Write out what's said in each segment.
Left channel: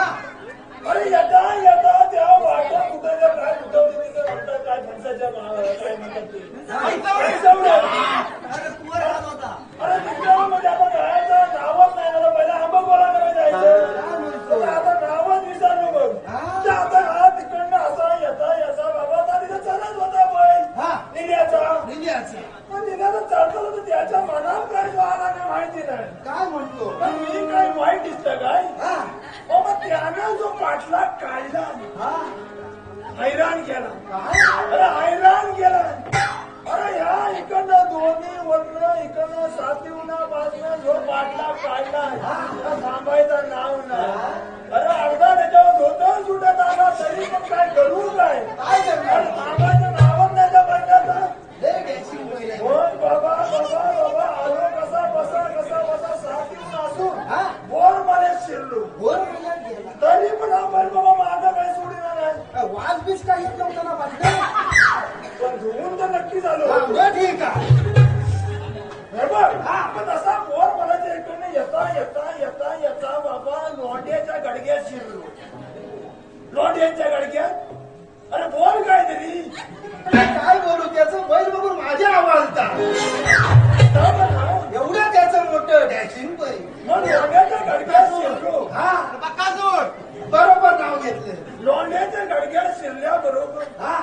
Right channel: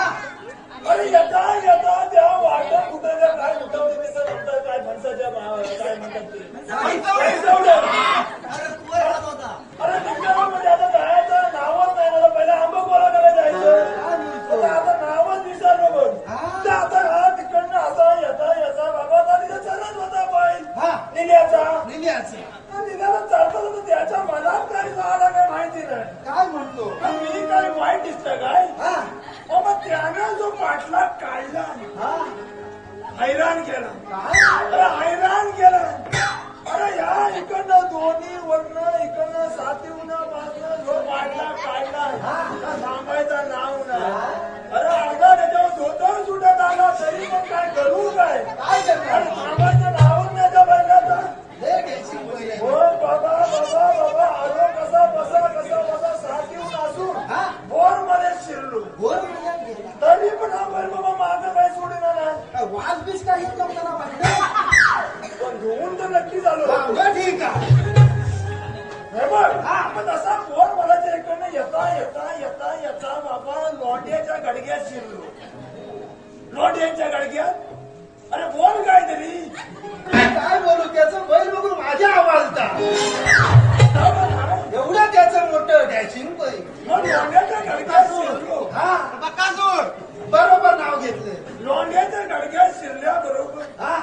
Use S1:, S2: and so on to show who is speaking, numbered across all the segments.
S1: अरे येता येता त्या वाटा कुठं काय तिथं म्हणतात काय फणसाच्या काय म्हणतात ते?
S2: अरे
S1: अरे तिकडे आता हैराण केलं
S2: काय
S1: अरे हैराण केला अरे ह्या इकडनं दोन्ही वरनं इकडनं सातवीनं पासनं जो वाटला काढला हा थांबायचं नाव नाही अरे अर्धा त्याच्यावर धोतर सुटत आला तरी पण काय करू काय?
S2: काय
S1: थांबायचं नावच नाही त्या बैलाचं
S2: हे
S1: हो बाबा बाबा बाबा आलो गडग्यात अरे बोल काय तरी
S2: काय बोलू त्याचं बैल बघून माझ्या आवडता. एवढं त्याचं मोठं डॅशिंग बैल.
S1: मग शिरलो.
S2: हा. बरोबर नाव घेतलं.
S1: लोंढ्याच्या गडग्यात शिरल्या बरोबर.
S2: हा.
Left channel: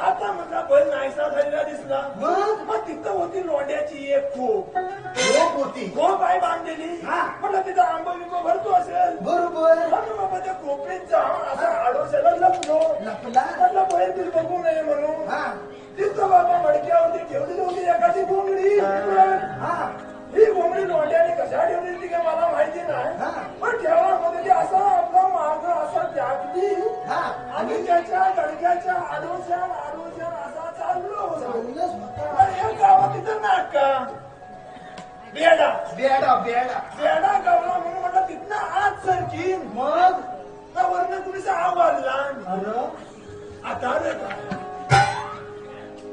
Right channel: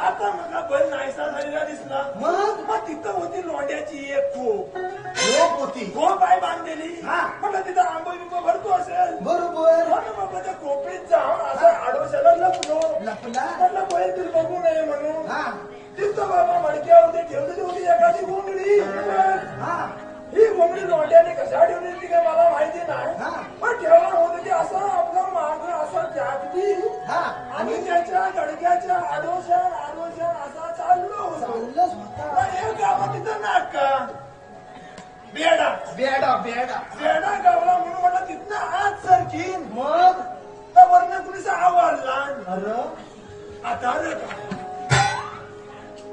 S1: आता म्हटला बैल नाहीसा झालेला दिसला.
S2: मग?
S1: मग तिथं होती लोंढ्याची एक खोप.
S2: लोक होती.
S1: खोप आहे बांधलेली.
S2: हा.
S1: म्हटलं तिथं आंबा बिंबा भरतो असेल.
S2: बरोबर.
S1: म्हणून बाबा त्या कोपीत जाऊन असा लपलो
S2: लपला
S1: म्हटलं बैल तू बघू नये म्हणून.
S2: हा.
S1: तिथं बाबा मडक्यावरती ठेवलेली होती एखादी घोंगडी
S2: हा.
S1: ही. घोंगडी लोंढ्याने कशा ठेवली ती काय मला माहिती नाही.
S2: हा.
S1: पण ठेवा होते की असं आपलं माग असं जागली
S2: हा.
S1: आणि त्याच्या गडक्याच्या आडोशा आडोशा असा चाललो होतो. पण गावात तिथं नाका बेडा.
S2: बेडा बेडा.
S1: बेडा गावला म्हणून मला तिथनं आज सरकी
S2: मग?
S1: तर वरनं कुणीचा आवाज?
S2: अरे
S1: आता रे काय?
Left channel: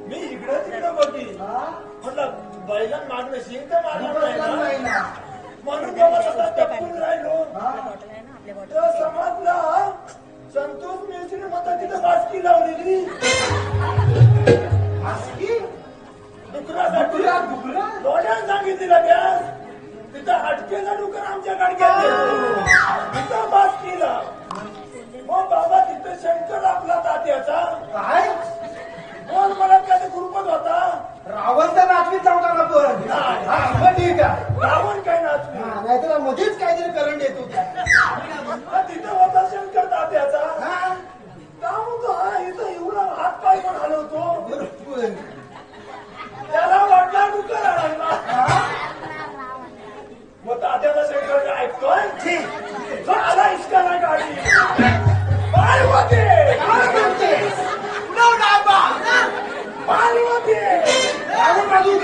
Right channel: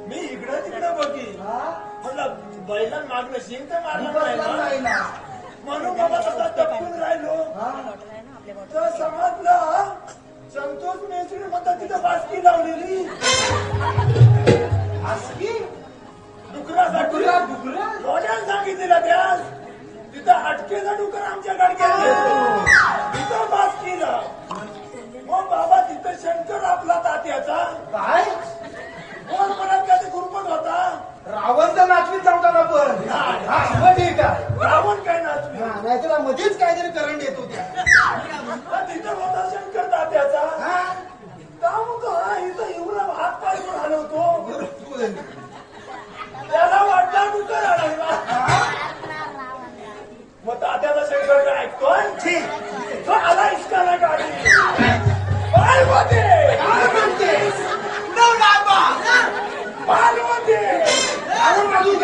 S1: मी इकडे तिकडे बघी.
S2: हा?
S1: म्हटलं बैलां मागणं शिंक मारणार
S2: नाही ना?
S1: म्हणून टपकून राहिलो.
S2: हा
S1: तर समजलं संतोष मेसरी मता तिथं बासकी लावलेली.
S2: आसकी
S1: डुकरासाठी?
S2: डुकरा
S1: डोळ्यात सांगितलेलं त्या. तिथं अटकेला डुकर आमच्या गाडक्यात. येतो. तिथं बासकीला मग बाबा तिथं शंकर आपला तात्याचा
S2: काय?
S1: कोण परत काय गुरुपत होता.
S2: रावण तर नाचवी चौदाला पण.
S1: नाही.
S2: हा मग ठीक आहे.
S1: रावण काय नाचले
S2: हा नाहीतर मध्येच काहीतरी करंट येतो त्या
S1: हा, तिथं होता शंकर तात्याचा.
S2: हा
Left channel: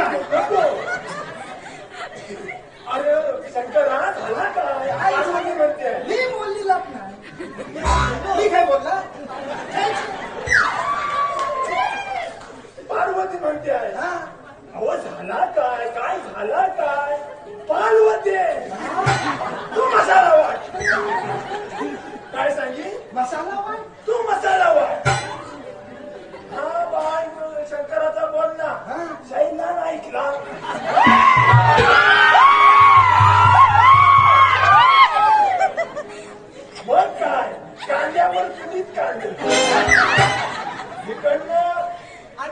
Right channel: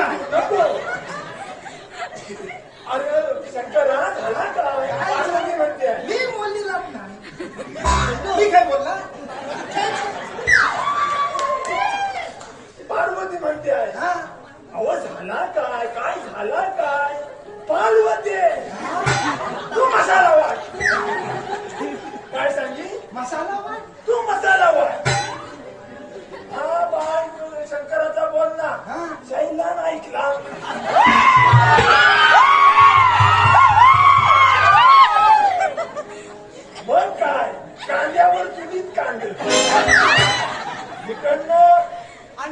S1: नको अरे शंकर झाला काय पार्वती म्हणते?
S2: मी बोलली लाभ नाही मी काय बोलला?
S1: पार्वती म्हणते. आहे
S2: हा.
S1: अहो झाला काय? काय झाला काय? पार्वती! तू मसाला वाट काय सांगी
S2: मसाला वाट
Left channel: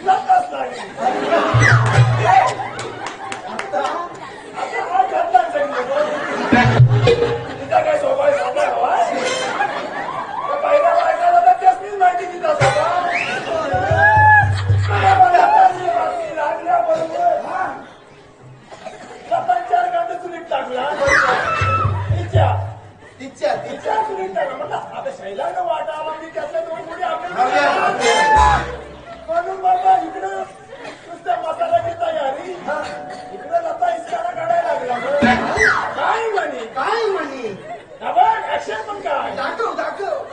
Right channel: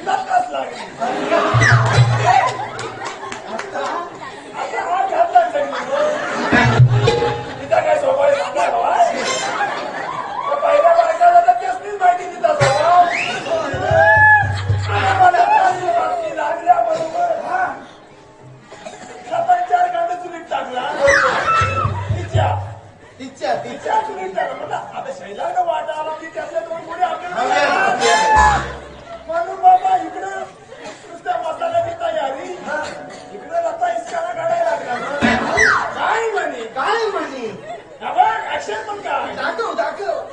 S2: नकाच
S1: नक्काच लागली
S2: आता
S1: घातला तिचा काय स्वभाव साधा हवा हा बघ ऍक्शन पण काय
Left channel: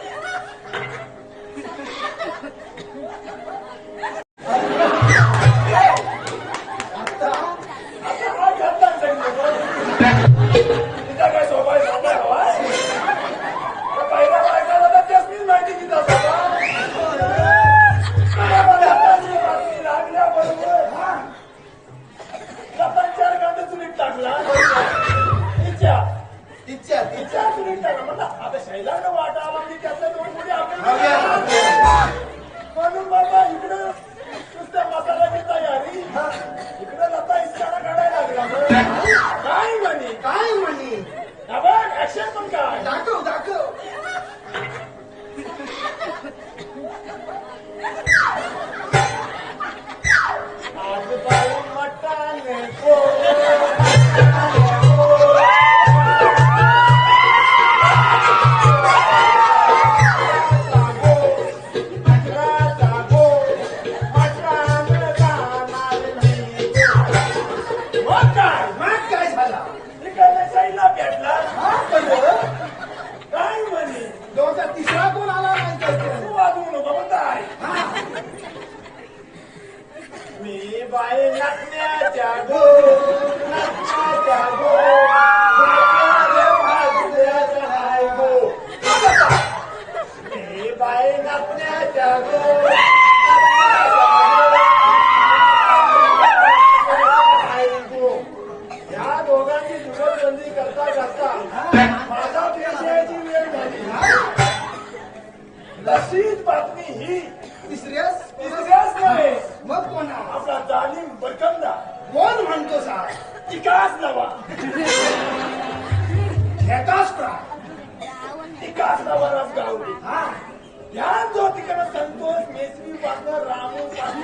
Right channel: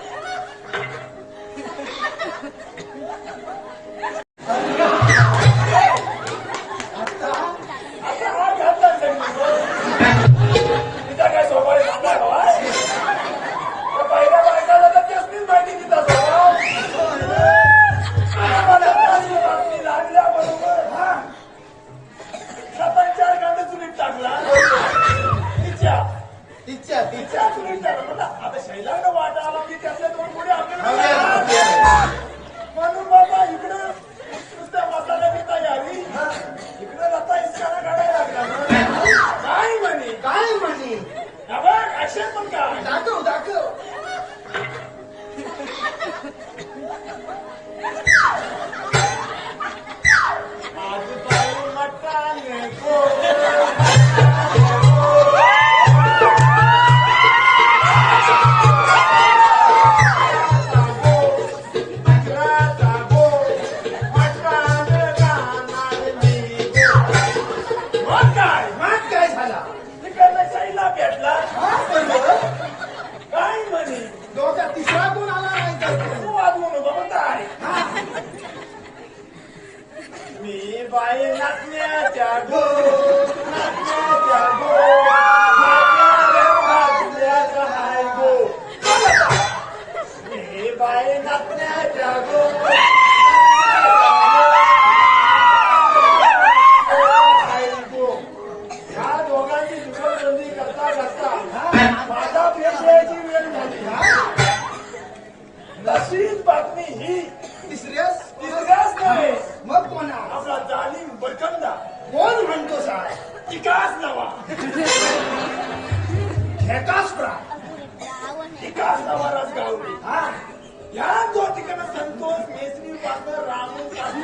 S1: पण बाई नाचण्याच्या गो नाचण्याच्या गो भाग्याला हाय गो हे बाई नाचण्याच्या गो हाय गो. या दोघांची जुगलबंदी करता करता माझा पेशयाची वेळ झाली तशीच बातमी ही
S2: तिसऱ्यास
S1: तिसऱ्याच नव्हे
S2: मग कोणा
S1: आपला जाणीव बरकंदा
S2: कोण म्हणतो
S1: विकास नवा
S2: एकाच प्राण
S1: विकास नवाराच गावले
S2: हा.
S1: या जो तिकडे संतोष मेसरी पासन रामू पासन.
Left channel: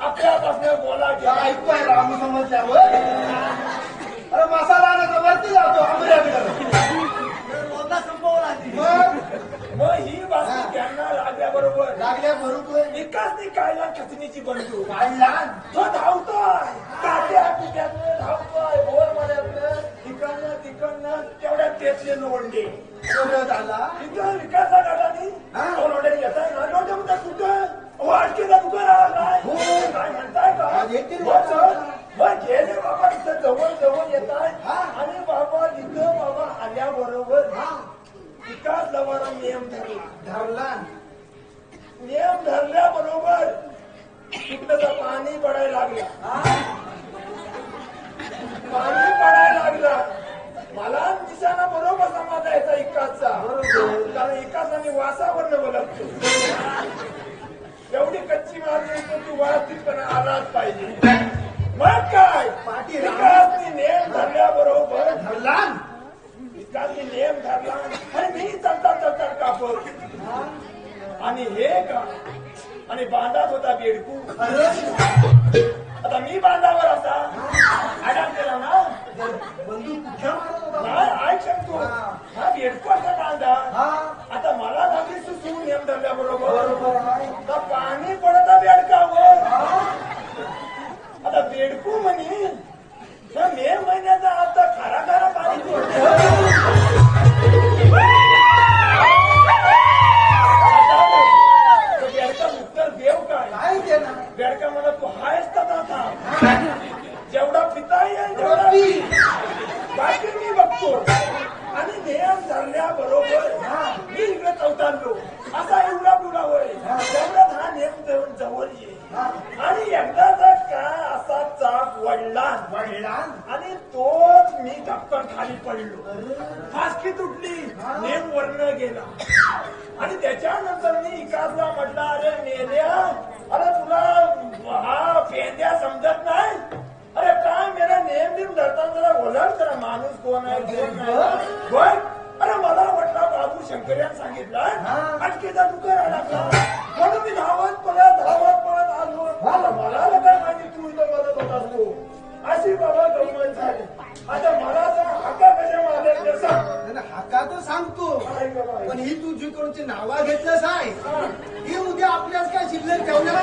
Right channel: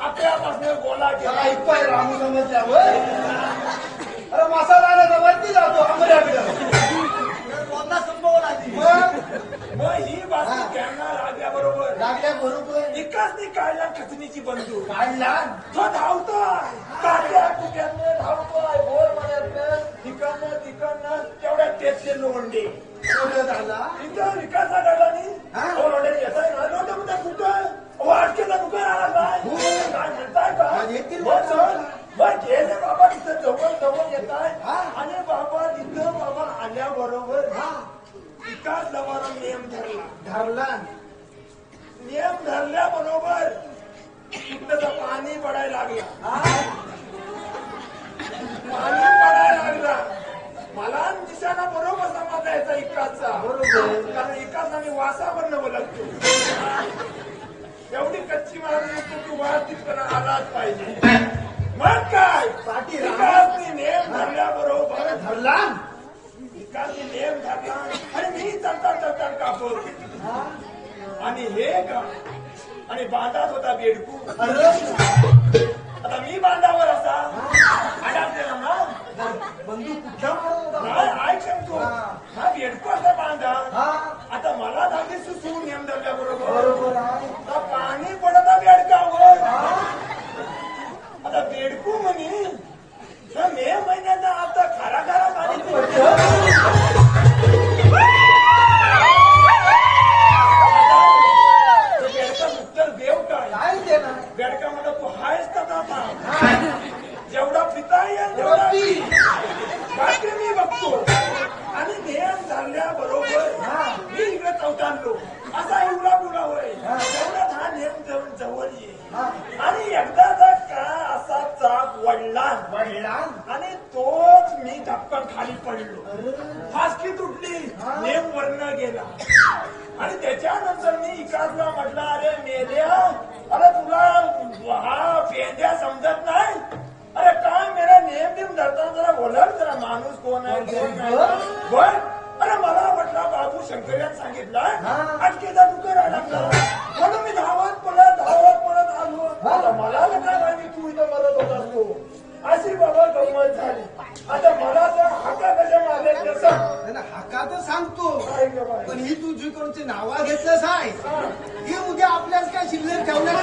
S1: आपल्यापासून बोला
S2: त्या
S1: घ्या
S2: ऐकतोय रामू समजल्यावर अरे मसाला आणायचा वरती जातो आमऱ्याकडं मग?
S1: ही बातमी लागल्याबरोबर.
S2: लागल्या बरोबर
S1: विकासने काढला कचनीची बंदूक
S2: काढला
S1: तो धावतोय. काट्या धावतोय. भोर मण्यातनं तिकडनं तिकडनं तेवढ्यात तेचले लोंडे
S2: कुठं झाला?
S1: इथं विकासा
S2: हा?
S1: लोंडे घेताय. ना लोंडे म्हणताय कुठं? वाटकेचा दुकान आला काय. काय म्हणताय का गेले बाबा तिथं जवळ जवळ येत आहे
S2: हा.
S1: आणि बाबा तिथं बाबा आल्याबरोबर
S2: हा.
S1: विकास लवारा नियम धरला.
S2: धरला.
S1: नियम धरल्याबरोबर कुठलं पाणी पडायला लागलं.
S2: हा?
S1: पाणी पडायला लागलं. मला दिसाना बरोबर समाज यायचा इकासचा
S2: बरोबर.
S1: कारण इकासाने वासावर ओळखतो एवढी कच्ची मागणी येतो की वाहतूकपणा आलाच पाहिजे. मग काय?
S2: पाठी
S1: विकासने नेम धरल्याबरोबर
S2: धरला?
S1: विकासने नेम धरला आणि मी चलता चलता कापड आणि हे का? आणि बांधात होता बेडकू. आता मी बांधावर असा. ना?
S2: बंदूक मारत होता?
S1: नाही ऐक सांगतो हा. बेडकू असा बांधा. आता मला झाली सुसू नेम धरल्याबरोबर
S2: बरोबर?
S1: पाणी पडत बेडकावर. आता बेडकू म्हणे तर मे महिन्याचा आता खरा खरा पाणी पडतं. वडला
S2: वडला
S1: आणि तोच मी धपकन खाली पडलो. फासकी तुटली. नेम वर्ण गेला. आणि त्याच्यानंतर मी इकासला म्हटलं अरे मेल्या अरे तुला हा पेंद्या समजत नाही? अरे काय मेरा नेम नेम धरताना जरा बोलाल जरा माणूस कोण आहे? अरे मला म्हटलं बाबू शंकर्यान सांगितलं अटकेचा दुकान लागला म्हणून मी धावत पळत धावत पळत आलो आता मला तर काय माहिती तू इथं मदत होत असतो अशी बाबा गंमत झाली. आता मला तर हाका कशा मारल्या ते सांग
S2: हाका तर सांगतो.
S1: आहे ग बाई.
S2: पण ही तुझी कोणची नावा घेतलंस आहे? हा. उद्या आपल्याला काय शिल्लक ठेवणार?